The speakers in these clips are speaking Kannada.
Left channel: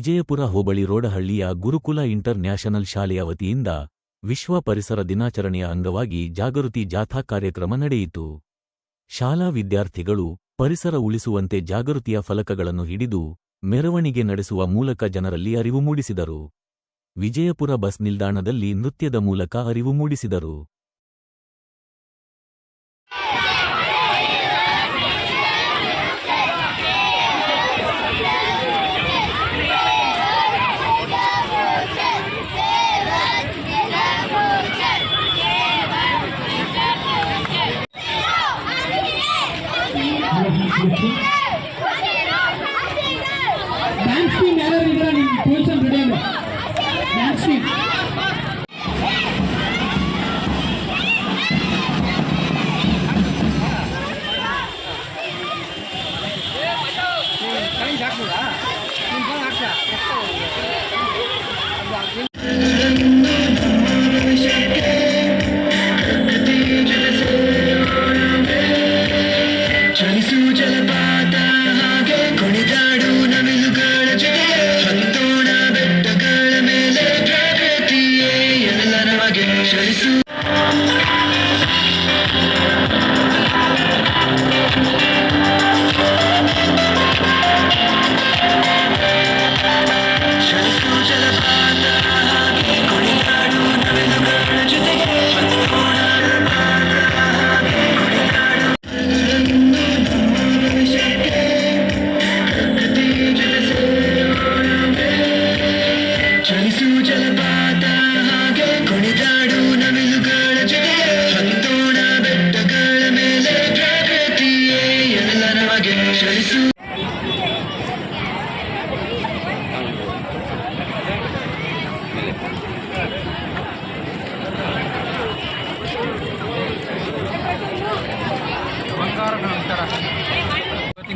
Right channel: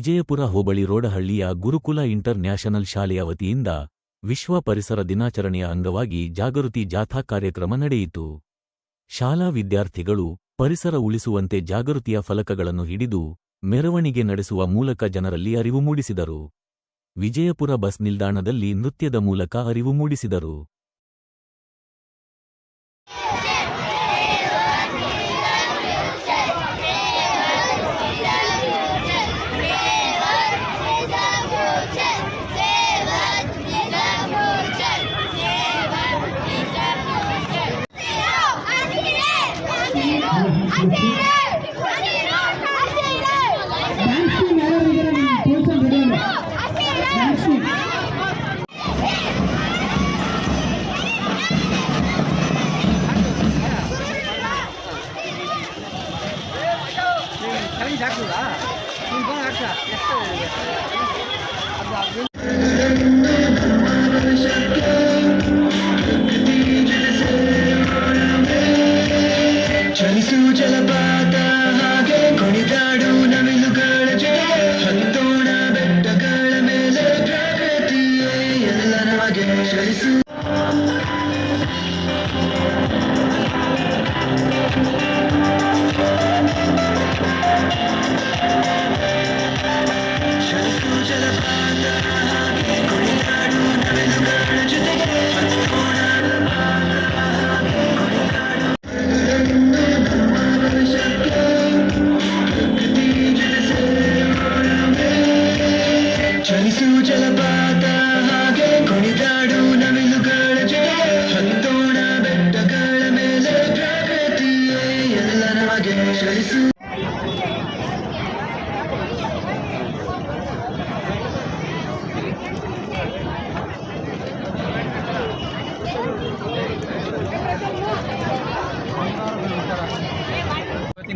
ವಿಜಯಪುರ ಹೋಬಳಿ ರೋಡಹಳ್ಳಿಯ ಗುರುಕುಲ ಇಂಟರ್ ನ್ಯಾಷನಲ್ ಶಾಲೆಯ ವತಿಯಿಂದ ವಿಶ್ವ ಪರಿಸರ ದಿನಾಚರಣೆಯ ಅಂಗವಾಗಿ ಜಾಗೃತಿ ಜಾಥಾ ಕಾರ್ಯಕ್ರಮ ನಡೆಯಿತು. ಶಾಲಾ ವಿದ್ಯಾರ್ಥಿಗಳು ಪರಿಸರ ಉಳಿಸುವಂತೆ ಜಾಗೃತಿಯ ಫಲಕಗಳನ್ನು ಹಿಡಿದು ಮೆರವಣಿಗೆ ನಡೆಸುವ ಮೂಲಕ ಜನರಲ್ಲಿ ಅರಿವು ಮೂಡಿಸಿದರು. ವಿಜಯಪುರ ಬಸ್ ನಿಲ್ದಾಣದಲ್ಲಿ ನೃತ್ಯದ ಮೂಲಕ ಅರಿವು ಮೂಡಿಸಿದರು. Thank you.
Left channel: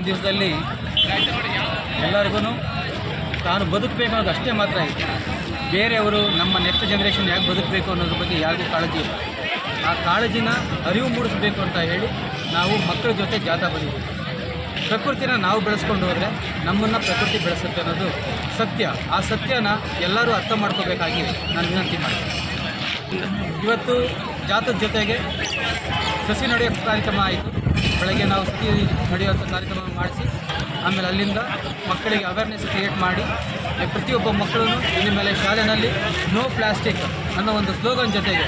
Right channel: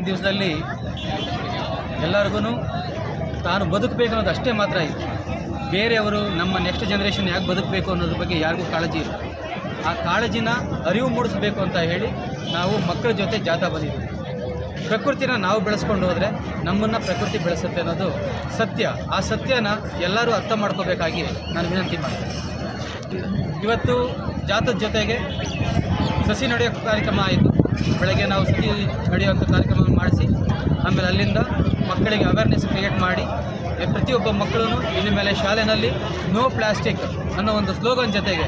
ದಿವಸದಲ್ಲಿ ಎಲ್ಲರಿಗೂ ತಾನು ಬದುಕಬೇಕು ಅನ್ನೋದು ಅಷ್ಟೇ ಮಾತ್ರ ಇದೆ ಬೇರೆಯವರು ನಮ್ಮ ನೆಕ್ಸ್ಟ್ ಜನ್ರೇಷನ್ ಯಾಕೆ ಬದುಕಬೇಕು ಅನ್ನೋದ್ರ ಬಗ್ಗೆ ಯಾರಿಗೂ ಕಾಳಜಿ ಇಲ್ಲ. ಆ ಕಾಳಜಿನ ಅರಿವು ಮೂಡಿಸ್ಬೇಕು ಅಂತ ಹೇಳಿ ನಾವು ಮಕ್ಕಳ ಜೊತೆ ಜಾಥಾ ಬಂದಿದ್ದೀವಿ. ಪ್ರಕೃತಿನ ನಾವು ಬೆಳೆಸ್ಕೊಂಡು ಹೋದರೆ ನಮ್ಮನ್ನು ಪ್ರಕೃತಿ ಬೆಳೆಸುತ್ತೆ ಅನ್ನೋದು ಸತ್ಯ. ಆ ಸತ್ಯನ ಎಲ್ಲರೂ ಅರ್ಥ ಮಾಡ್ಕೋಬೇಕಾಗಿ ನಾನು ವಿನಂತಿ ಮಾಡ್ತೀನಿ. ಇವತ್ತು ಜಾತ್ರೆ ಜೊತೆಗೆ ಸಸಿ ನಡೆಯೋ ಕಾರ್ಯಕ್ರಮ ಆಯಿತು. ಬೆಳಗ್ಗೆ ನಾವು ಸಸಿ ನಡೆಯುವಂಥ ಕಾರ್ಯಕ್ರಮ ಮಾಡಿಸಿ, ಆಮೇಲೆ ಅಲ್ಲಿಂದ ಮಕ್ಕಳಿಗೆ ಅವೇರ್ನೆಸ್ ಕ್ರಿಯೇಟ್ ಮಾಡಿ ಪ್ರತಿಯೊಬ್ಬ ಮಕ್ಕಳು ಇನ್ನು ಮೇಲೆ ಶಾಲೆಯಲ್ಲಿ ನೋ ಪ್ಲಾಸ್ಟಿಕ್ ಅನ್ನೋ ಒಂದು ಸ್ಲೋಗನ್ ಜೊತೆಗೆ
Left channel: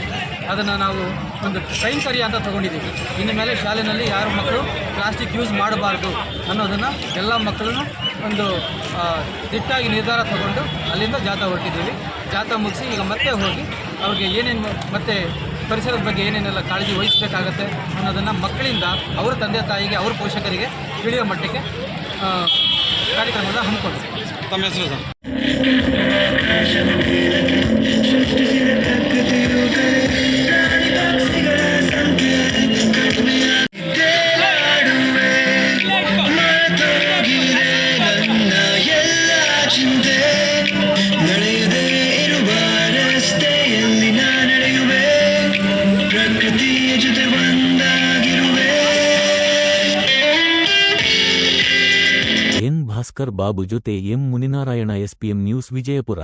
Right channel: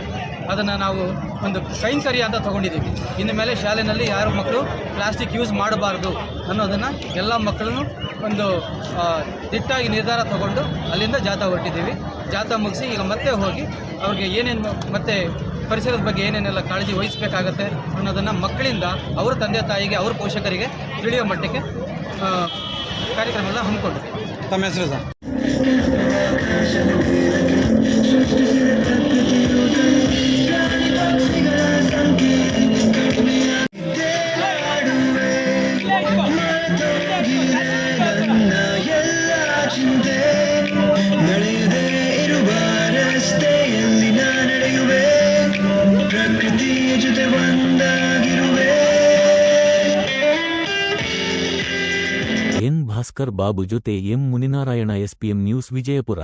ಅದನ್ನು ನಾವು ಒಂದು ಕೈಂಕರ್ಯ ಅಂತ ತೊಗೊಂಡಿದ್ದೀವಿ. ಇನ್ನು ಮೇಲೆ ಶಾಲೆಯಲ್ಲಿ ಯಾರು ಮಕ್ಕಳು ಪ್ಲಾಸ್ಟಿಕ್ ಯೂಸ್ ಮಾಡಬಾರ್ದು ಅನ್ನೋದನ್ನು ಎಲ್ಲ ಮಕ್ಕಳು ಒಂದು ದಿಟ್ಟಾಗಿ ನಿರ್ಧಾರ ತಗೊಂಡು ಅಲ್ಲಿಂದ ಜಾಥಾ ಹೊರಟಿದ್ದೀವಿ. ಜಾಥಾ ಮುಗಿಸಿ ಈಗ ಮತ್ತೆ ಹೋಗಿ ಅವ್ರಿಗೆ ಏನೇನು ಮತ್ತೆ ಪರಿಸರದ ಬಗ್ಗೆ ಏನೇನೆಲ್ಲ ಕಾಳಜಿ ವಹಿಸಬೇಕಾಗತ್ತೆ ಅನ್ನೋದನ್ನು ಮಕ್ಕಳಿಂದ ಅವರ ತಂದೆ ತಾಯಿಗೆ, ಅವ್ರ ಪೋಷಕರಿಗೆ ತಿಳಿಯೋ ಮಟ್ಟಕ್ಕೆ ಕಾರ್ಯಕ್ರಮವನ್ನು ಕಾರ್ಯಕ್ರಮನ ಹಮ್ಮಿಕೊಂಡು ತಮ್ಮ ಹೆಸರು ಸರ್? ಭಾಸ್ಕರ್ ಬಾಬು ಜೊತೆ M Muninarayana SPM news Vijayapura.